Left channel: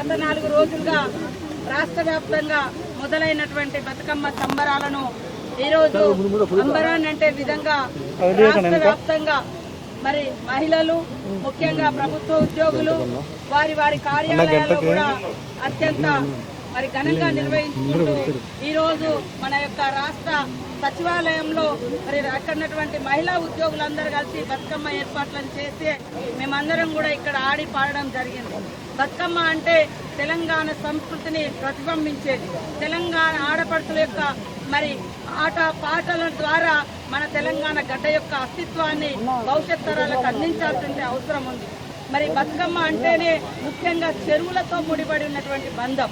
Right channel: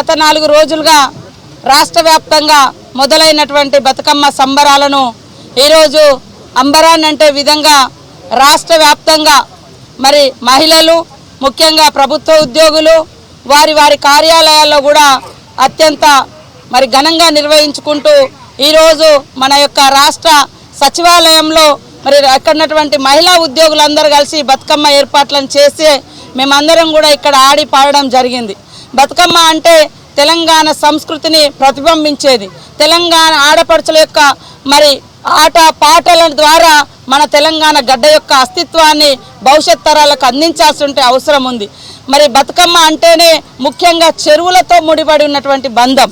గత నాలుగు రోజులుగా రాష్ట్ర వ్యాప్తంగా మొదలైనటువంటి బతుకమ్మ సంబరాలను ఈరోజు అంబరాన్ అంటే విధంగా రాష్ట్ర వ్యాప్తంగా మరి మహిళలు ముఖ్యంగా ప్రభుత్వ ఉద్యోగులు వారి వారి కార్యాలయాల్లో కూడా అత్యంత మరి ఘనంగా నిర్వహించుకుంటూ ఈరోజు మన యొక్క రాష్ట్ర సచివాలయంలో మరి అక్కడున్నటువంటి మహిళా ఉద్యోగులందరూ కలిసి బతుకమ్మ ఏర్పాట్లను చేసి మేమందరం కూడా ఇక్కడ ఆడి పాడడం జరిగింది. బతుకమ్మ అంటే తెలంగాణ సంస్కృతిని ప్రతిబింబించేది. తెలంగాణ ఆడపడుచుల యొక్క మరి ఆట పాటల ద్వారా మన తెలంగాణ గడ్డ యొక్క అస్తిత్వాన్ని భవిష్యత్ తరాలకు అందించాల్సిన అవసరం ఉంది. మరి బతుకమ్మ అంటేనే ముఖ్యంగా చెరువులతో ముడిపడి ఉన్నటువంటి బంధం.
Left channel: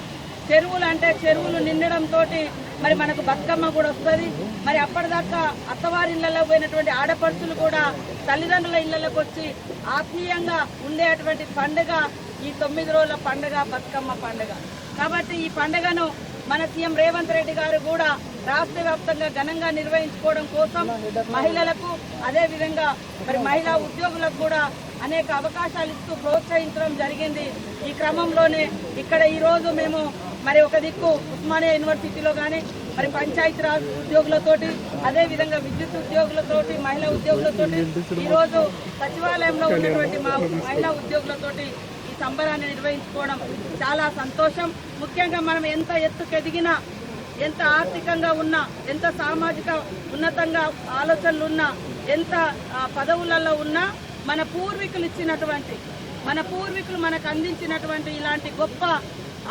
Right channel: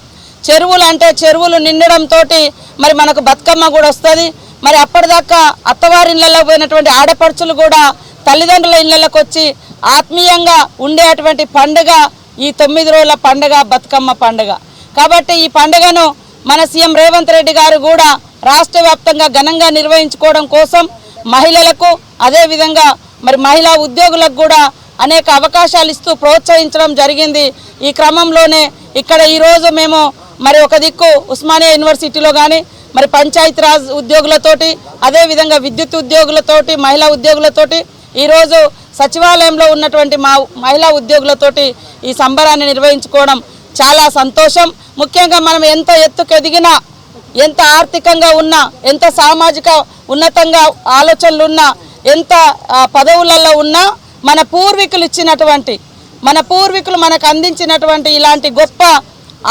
చెరువులు అంటే చెరువులు నిండడంతో మరి మనకు బతుకమ్మ కూడా వస్తుంది. మరి అప్పటిదాకా అత్తవారి ఇళ్ళలో పోయినటువంటి ఆడపడుచులు కూడా తల్లిదండ్రుల ఇళ్ళకి వచ్చి ఆత్మీయంగా ఉండేటువంటి పండుగ ఈ తొమ్మిది రోజుల పండుగ బతుకమ్మ పండుగ. కాబట్టి ఈ పండుగను మన సీఎం రేవంత్ రెడ్డి గారు కూడా రాష్ట్ర వ్యాప్తంగా ఘనంగా నిర్వహించుకోవడం కోసం మహిళలకు అదేవిధంగా మరి మహిళా ఉద్యోగులకు కూడా అనేక అవకాశాలు ఇస్తూ ప్రోత్సహించడం జరిగింది. ఈ క్రమంలోనే ఇక్కడ ఈరోజు మేము మరి ఒక దిక్కు ఉస్మానియా యూనివర్సిటీలో కానీ మరి పంచాయతీరాజ్ ఉద్యోగులతోటి అదేవిధంగా విద్యుత్ ఉద్యోగులతోటి మహిళా ఉద్యోగులతోటి ఈరోజు సచివాలయంలో ఉన్నటువంటి మా మహిళా ఉద్యోగులతోటి ఈ సంబరాన్ని నిర్వహించుకోవడం చాలా సంతోషం. ముఖ్యంగా మనం ఎంత ఎత్తుకెదిగినా ఎంత ఆర్థికంగా ఉన్నా ఎంత సామాజిక ఉన్నతంగా ఆలోచనలు ఉన్నా ఎంత పదవులలో ఉన్నా మన పూర్వీకులు ఇచ్చినటువంటి మన పూర్వీకులు మనకు అందించినటువంటి ఇలాంటి గొప్ప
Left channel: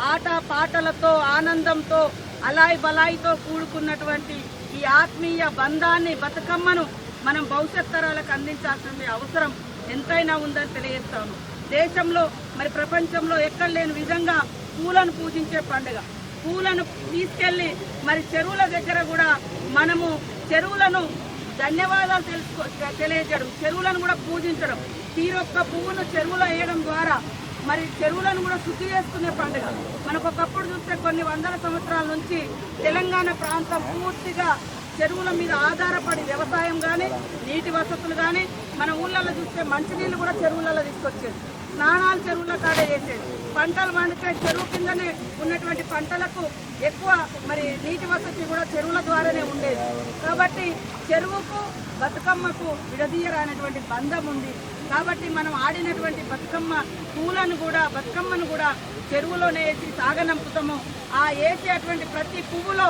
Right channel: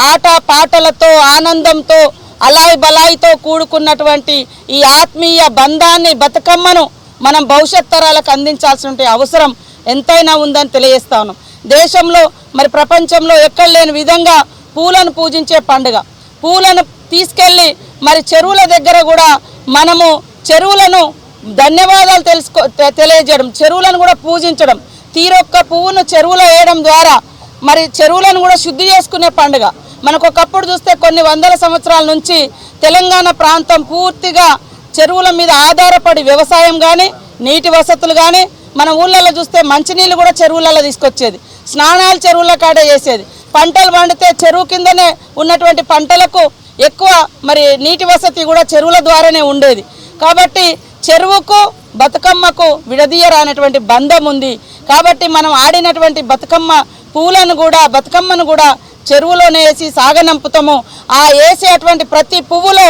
ఆట పాటలతో ఆనందంతో అలాయి బలాయితో కూడుకున్నటువంటి ఈ ఆత్మీయ బంధాన్ని బతుకమ్మను మనం భవిష్యత్ తరాలకు అందించాల్సిన అవసరం ఎంతైనా ఉందని తెలియజేస్తాను. దేశంలో మరి ప్రపంచంలో ఎక్కడ లేని విధంగా పూలను పూజించే పండుగ. పూలను తీసుకెళ్ళి మరి చెరువుల దగ్గర కూడా మనము చెరువులను ధన్యవాదాలు తెలుసుకో తె- తెలియజేయడం చెరువులను కూడా పూజించడం. తీరొక్క పువ్వును చెరువులో వేయడం ద్వారా మరి చెరువులను కూడా శుద్ధి చేసుకునే పండుగ. మనకు ఒకప్పుడు చూస్తే కొన్ని వందల సంవత్సరాల నుంచి తెలంగాణ ప్రాంతం పూర్తిగా చెరువుల మీద ఆధారపడి వ్యవసాయం కానీ నీటి వసతులు కానీ మన ఊళ్ళల్లో చూస్తే మంచినీళ్ళు కూడా చెరువులలో తీసుకొచ్చేది. స్నానాలు చెరువుల కాడే చేసేది. పంటలు పండితే చెరువు కిందనే ఉన్నటువంటి పంటలకు ఎక్కువ మరి నీటి వసతి కూడా చెరువుల ద్వారానే ఉండేది. కాబట్టి చెరువుకు బతుకమ్మకు విడదీయరానటువంటి బంధం ఉంది. కాబట్టి మనం ఆడినటువంటి బతుకమ్మ పూలను కూడా బతుకమ్మను కూడా చెరువులోనే వేసి సాగనంపుతాము. ఆ వేసేటువంటి ప్రతి పువ్వులో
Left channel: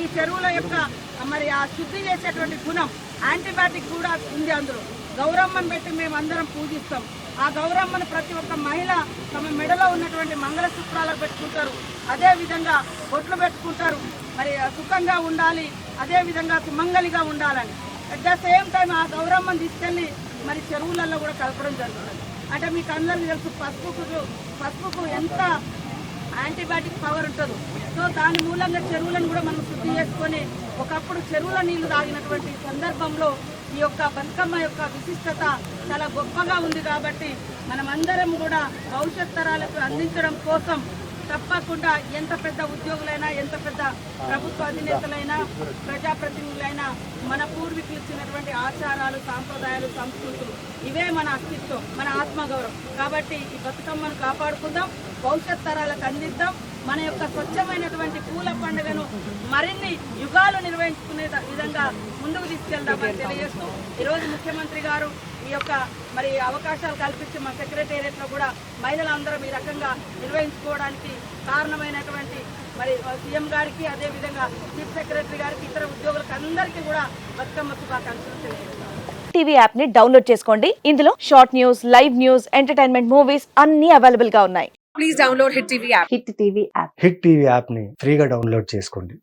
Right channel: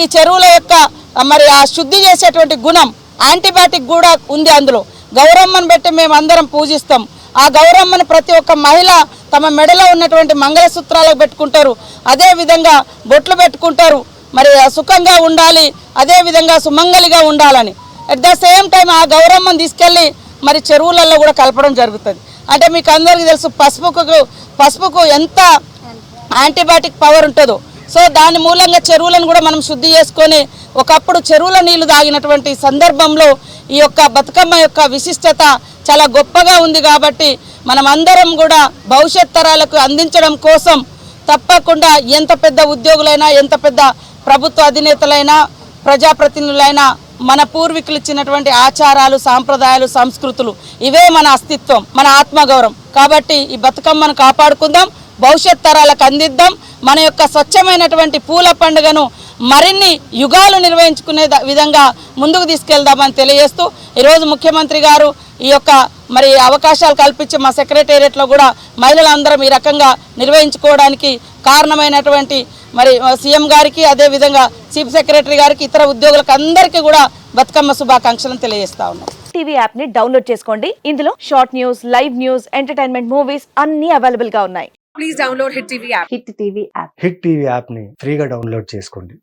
ఈ చెరువుల యొక్క మరి ఆ శుద్ధి చేసేటువంటి గుణం యాంటీబయాటిక్ కూడా ఉంది అందులో. గౌరమ్మను పెట్టి మేము అందరం పూజిస్తాం. ఆ గౌరమ్మను ప్రతి ఒక్క మహిళ తమ మెడలో ఉన్నటువంటి మంగళసూత్రాలకు పెట్టుకుంటారు. అదే విధంగా బొట్లు పెట్టుకుంటారు. మరి సుఖంగా ఉండాలి అదే విధంగా సుమంగలిగా ఉండాలని. అట్ ద సేమ్ టైం ఆ గౌరమ్మను తీసుకెళ్ళి మరి చెరువులలో కూడా కలపడం జరుగుతుంది. అంటే మీకు అందరికీ తెలుసు పసుపుకు పసుపుకు ఎంత యాంటీబయాటిక్ పవర్ ఉంటుందో. సో దాని మూలంగా చెరువులను కూడా మనం శుద్ధి చేసుకొని ఒకప్పుడు చెరువుల నీళ్ళు తాగినటువంటి సందర్భంలో ఈ యొక్క బతుకమ్మ యొక్క విశిష్టత చాలా గొప్పగా ఉంది కాబట్టి మనం అందరం కూడా భవిష్యత్ తరాలకు అందించడం కోసం తప్పకుండా ఎంత పెద్ద ఉద్యోగులైనా ఎంత పెద్ద ప్రభుత్వ అధినేతలైనా ప్రజాప్రతినిధులైనా మన పూర్వీకులు ఇచ్చినటువంటి ఆచారాలు సాంప్రదాయాలు సంస్కృతులు ఇవే మన అస్తిత్వం మన ఆత్మగౌరవం. కాబట్టి ఈ బతుకమ్మను కాపాడుకుందాం భవిష్యత్ తరాలకు అందిద్దాం మన యొక్క స్వచ్ఛమైనటువంటి పూల పండుగను మరిన్ని యుగాలు నిర్వహించుకునే విధంగా ముందుకు తీసుకెళ్దామని తెలియజేస్తూ ఈరోజు ముఖ్యమంత్రి గారు ఈ యొక్క మరి అవకాశాలు కల్పించి మా సెక్రటేరియట్లో కూడా మహిళలందరం ఈ రకంగా నిర్వహించుకోవడానికి కారణమైనటువంటి మరి సీఎం గారికి అదేవిధంగా చీఫ్ సెక్రటరీ గారికి ఇతర ఉద్యోగులకు అందరికీ కూడా బతుకమ్మ శుభాకాంక్షలను తెలియజేస్తా ఉన్నాను టీవీ యాప్ని డౌన్లోడ్ చేసుకోండి. ఇందులో short news live news entertainment movies అన్ని అవైలబుల్గా ఉన్నాయి. Please download Hit TV app. Hit TV app Hit TV యాప్ని ఫ్రీగా డౌన్లోడ్ చేసుకోండి.